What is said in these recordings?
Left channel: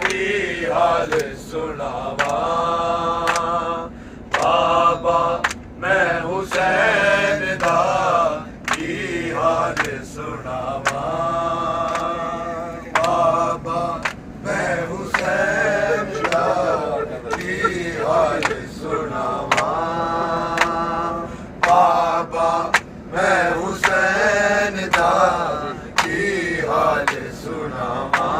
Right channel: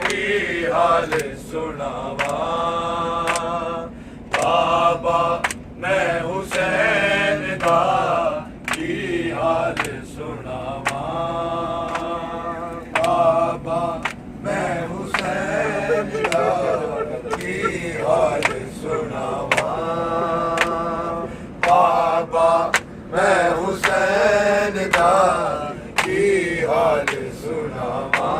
की हाल सुनावा। बाबा मैं हुसैन दा की हाल सुनावा। बाबा मैं हुसैन दा की हाल सुनावा। बाबा मैं हुसैन दा की हाल सुनावा।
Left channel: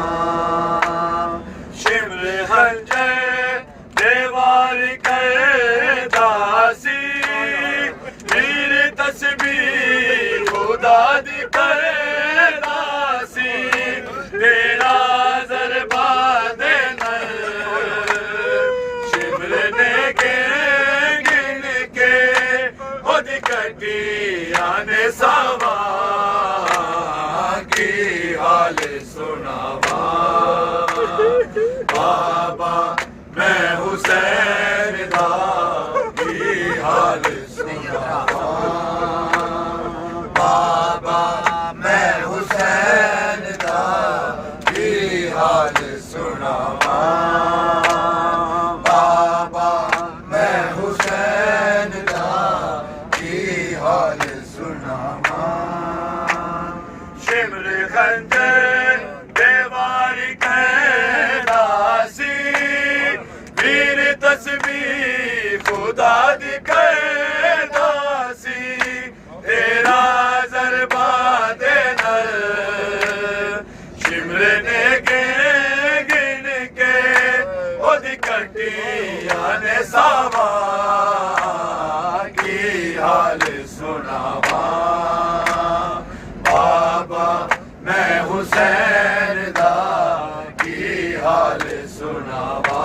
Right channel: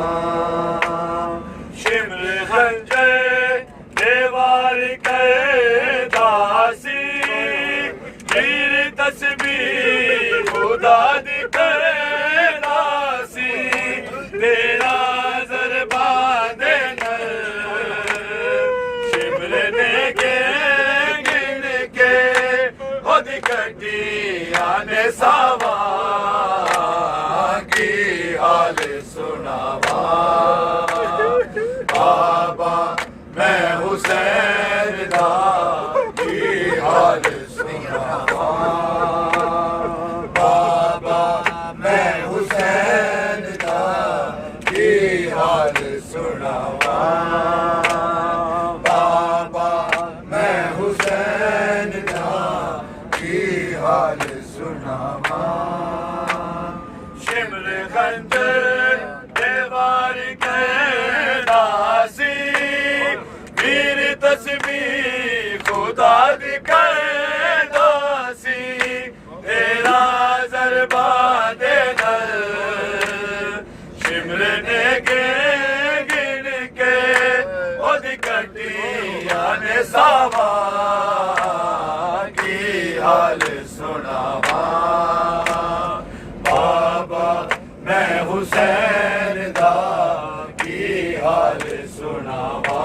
शिमले हंजर देवार कर दासी वीर तस्बीह खुदा दी कर दासी तेरा ज़रबा दे नर शिमले ने गिन के खुद कटिया ने सावा की हाल सुनावा। बाबा मैं हुसैन दा की हाल सुनावा। बाबा मैं हुसैन दा की हाल सुनावा। बाबा मैं हुसैन दा की हाल सुनावा। शिमले खंजर देवार के दासी वीर तस्बीह खुदा दी कर दासी तेरा ज़रबा दे नर शिमले ने गिन के खुद कटिया ने सावा की हाल सुनावा। बाबा मैं हुसैन दा की हाल सुनावा।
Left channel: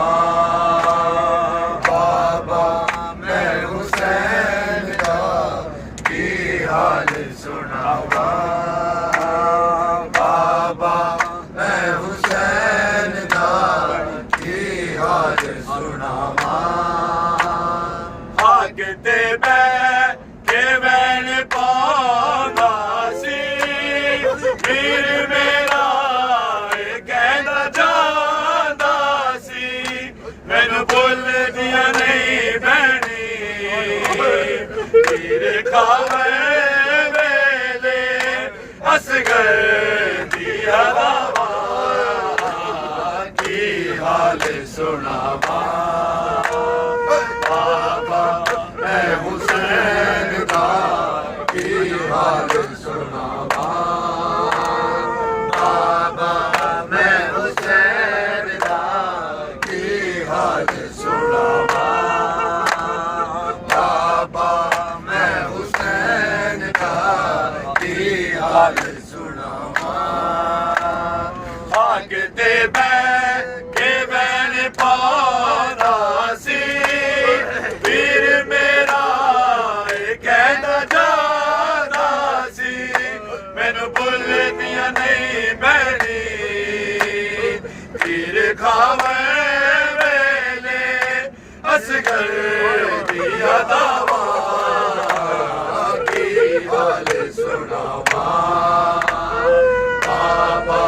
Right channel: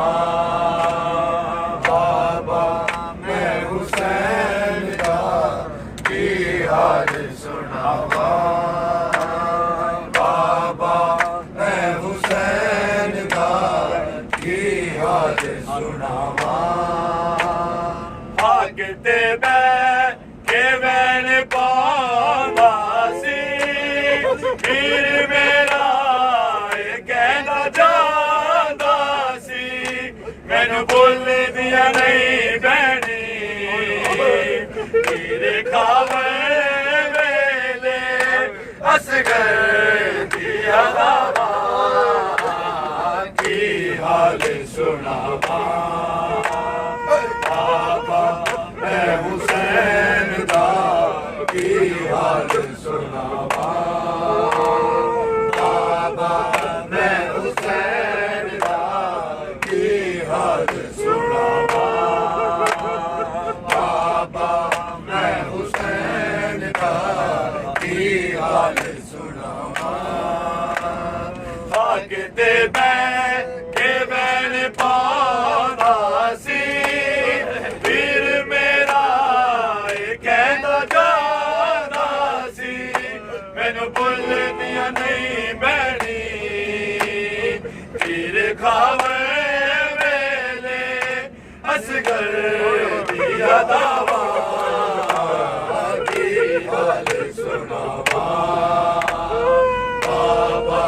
बाबा मैं हुसैन दा की हाल सुनावा। बाबा मैं हुसैन दा की हाल सुनावा। भागते के मैंने पावा सी वीर मेरा कहना जादा सी मैनू भुल दिया नहीं भैनी तेरे खावे वेले असगर दिया दावा की हाल सुनावा। बाबा मैं हुसैन दा की हाल सुनावा। बाबा मैं हुसैन दा की हाल सुनावा। बाबा मैं हुसैन दा की हाल सुनावा। भागते के मैंने पाना सी वीर मेरा कहना जाना सी मैनू भुल दिया नहीं बैनी तीर खावे वेले असगर दिया दावा की हाल सुनावा। बाबा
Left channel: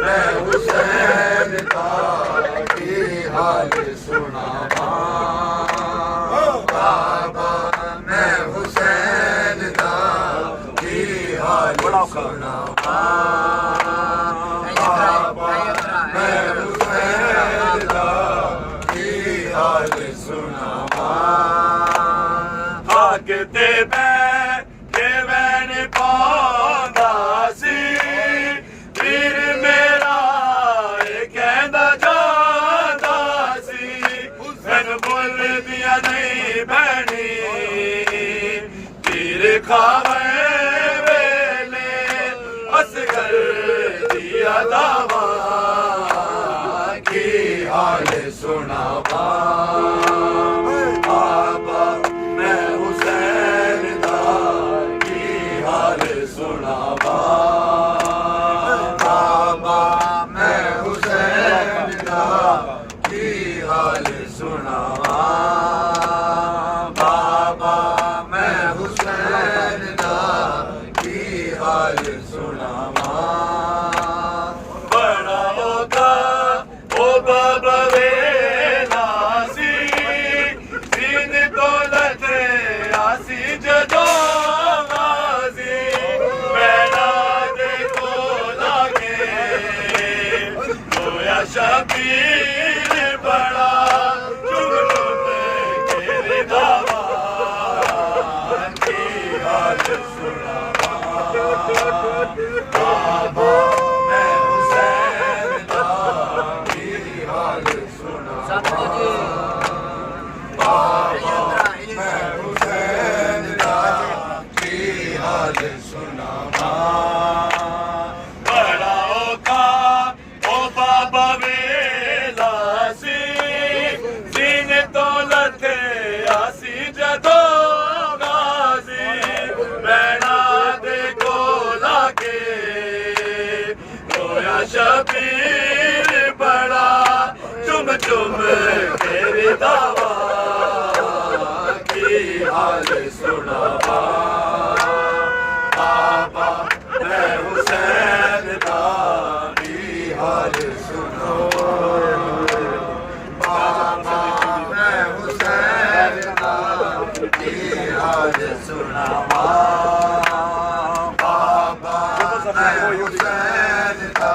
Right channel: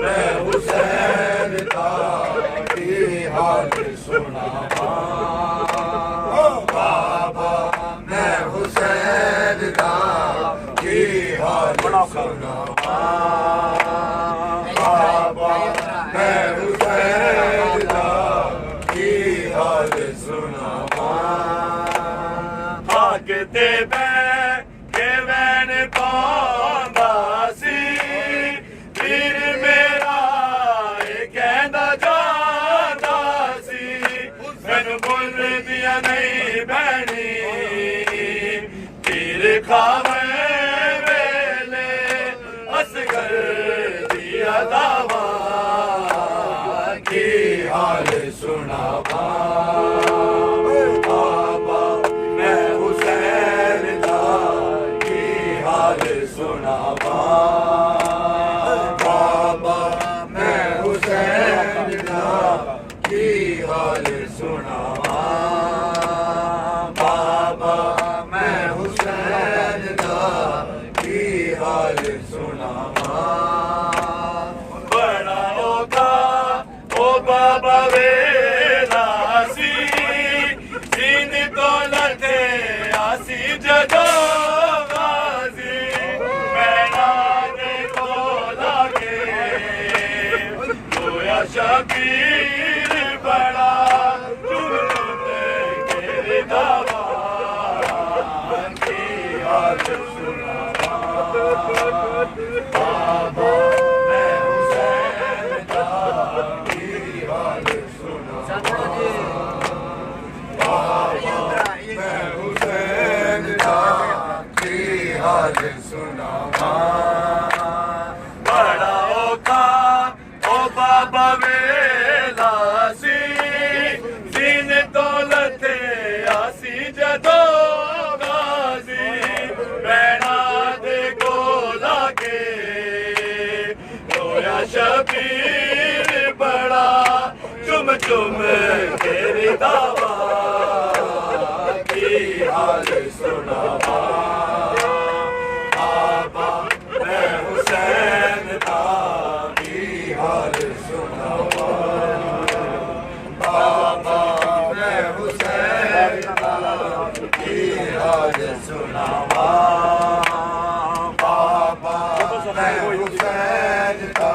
मैं हुसैन दा की हाल सुनावा। बाबा मैं हुसैन दा की हाल सुनावा। बाबा मैं हुसैन दा की हाल सुनावा। भागते के मैंने पांदा सी वीर मेरा कहना जादा सी मैनू भुल दिया नहीं भैनी तीर खावे वेले असगर दिया दावा की हाल सुनावा। बाबा मैं हुसैन दा की हाल सुनावा। बाबा मैं हुसैन दा की हाल सुनावा। बाबा मैं हुसैन दा की हाल सुनावा। बड़ा होगा बाबा वेला सी सीन तो लथे आसी जदो गाजी बैना दे कोला के रोया शबीर बड़ा चुन चुन तेरे दावा की हाल सुना बाबा मैं हुसैन दा की हाल सुना बाबा मैं हुसैन दा की हाल सुना बड़ा औखा ओ बाबा वेला सी सीन तो लथे आसी जदो गाजी बैना दे कोला के रोया शबीर बड़ा चुम चुम तेरी दावा की हाल सुना बाबा मैं हुसैन दा की हाल सुना बाबा मैं हुसैन दा की हाल सुना बाबा मैं हुसैन दा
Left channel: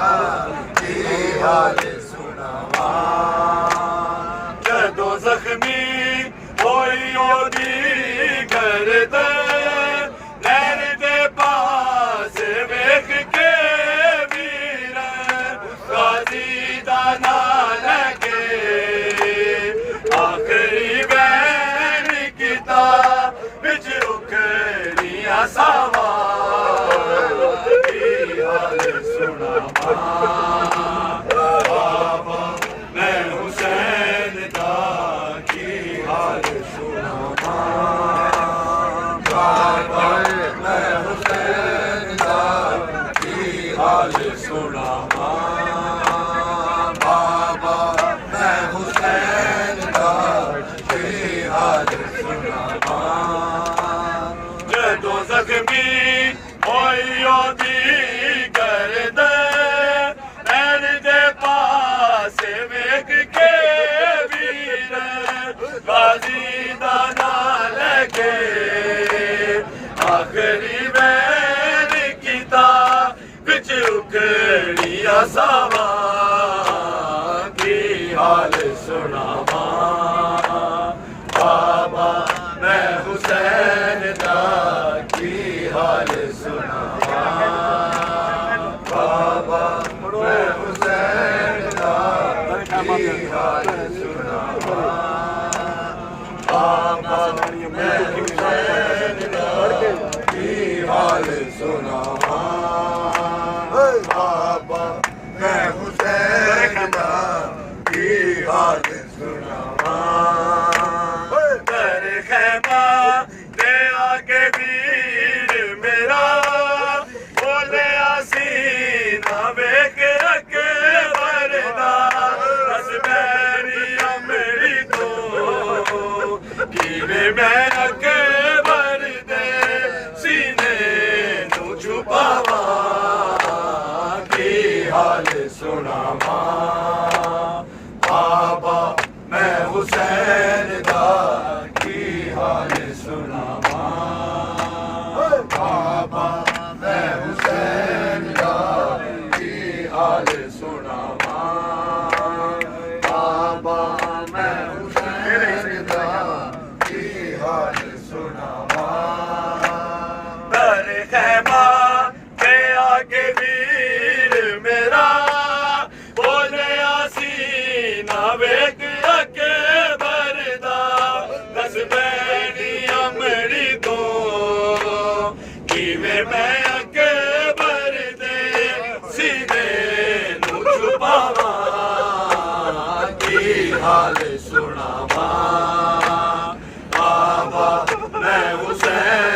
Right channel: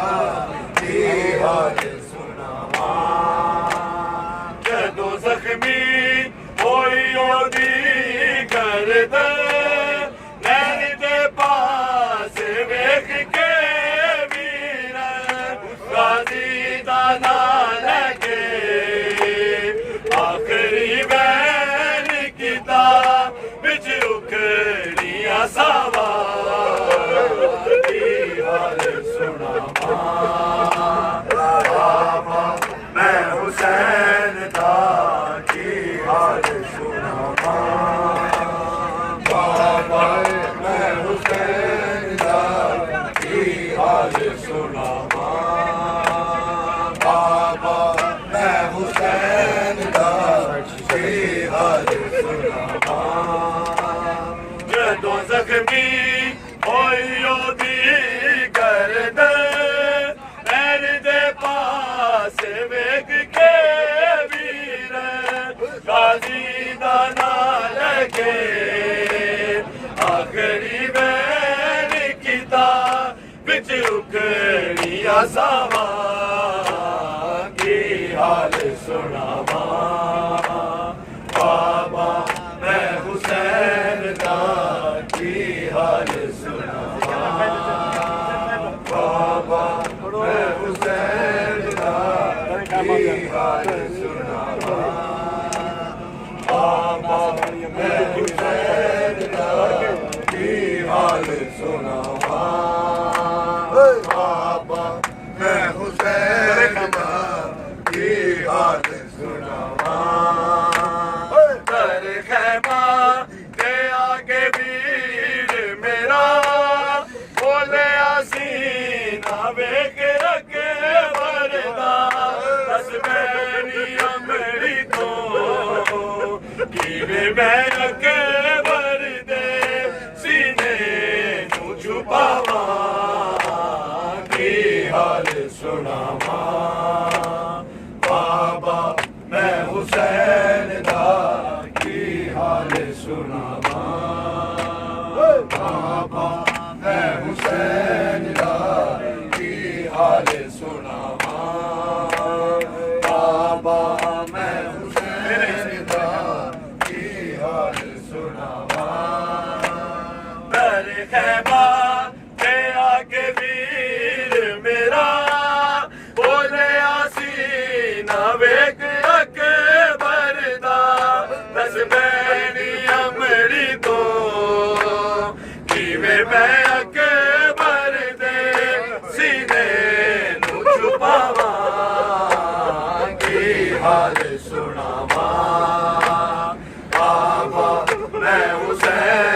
की हाल सुना जदों जख्मी होई ओदी करदे नैन दे पास वेख के वीर गाजी दा नाम लगे आखरी वैन किता बिच उखड़ियां सावा की हाल सुना बाबा मैं हुसैन दा की हाल सुना बाबा मैं हुसैन दा की हाल सुना बाबा मैं हुसैन दा की हाल सुना जदों जख्मी होई ओदी करदे नैन दे पास वेख के वीर गाजी दा नाम लगे आखरी वैन किता बिच उखड़ियां सावा की हाल सुना बाबा मैं हुसैन दा की हाल सुना बाबा मैं हुसैन दा की हाल सुना बाबा मैं हुसैन दा की हाल सुना बाबा मैं हुसैन दा की हाल सुना कर खैमा के आगे वीर मेरा बोले आसीना वेख रखे वरदा बस मेरी अमरी तो कीवे मैं रखे वरदे सीने नू छुपावा की हाल सुना बाबा मैं हुसैन दा की हाल सुना बाबा मैं हुसैन दा की हाल सुना बाबा मैं हुसैन दा की हाल सुना कर खैमा के आगे वीर मेरा बोले आसीना वेख रखे वरदा बस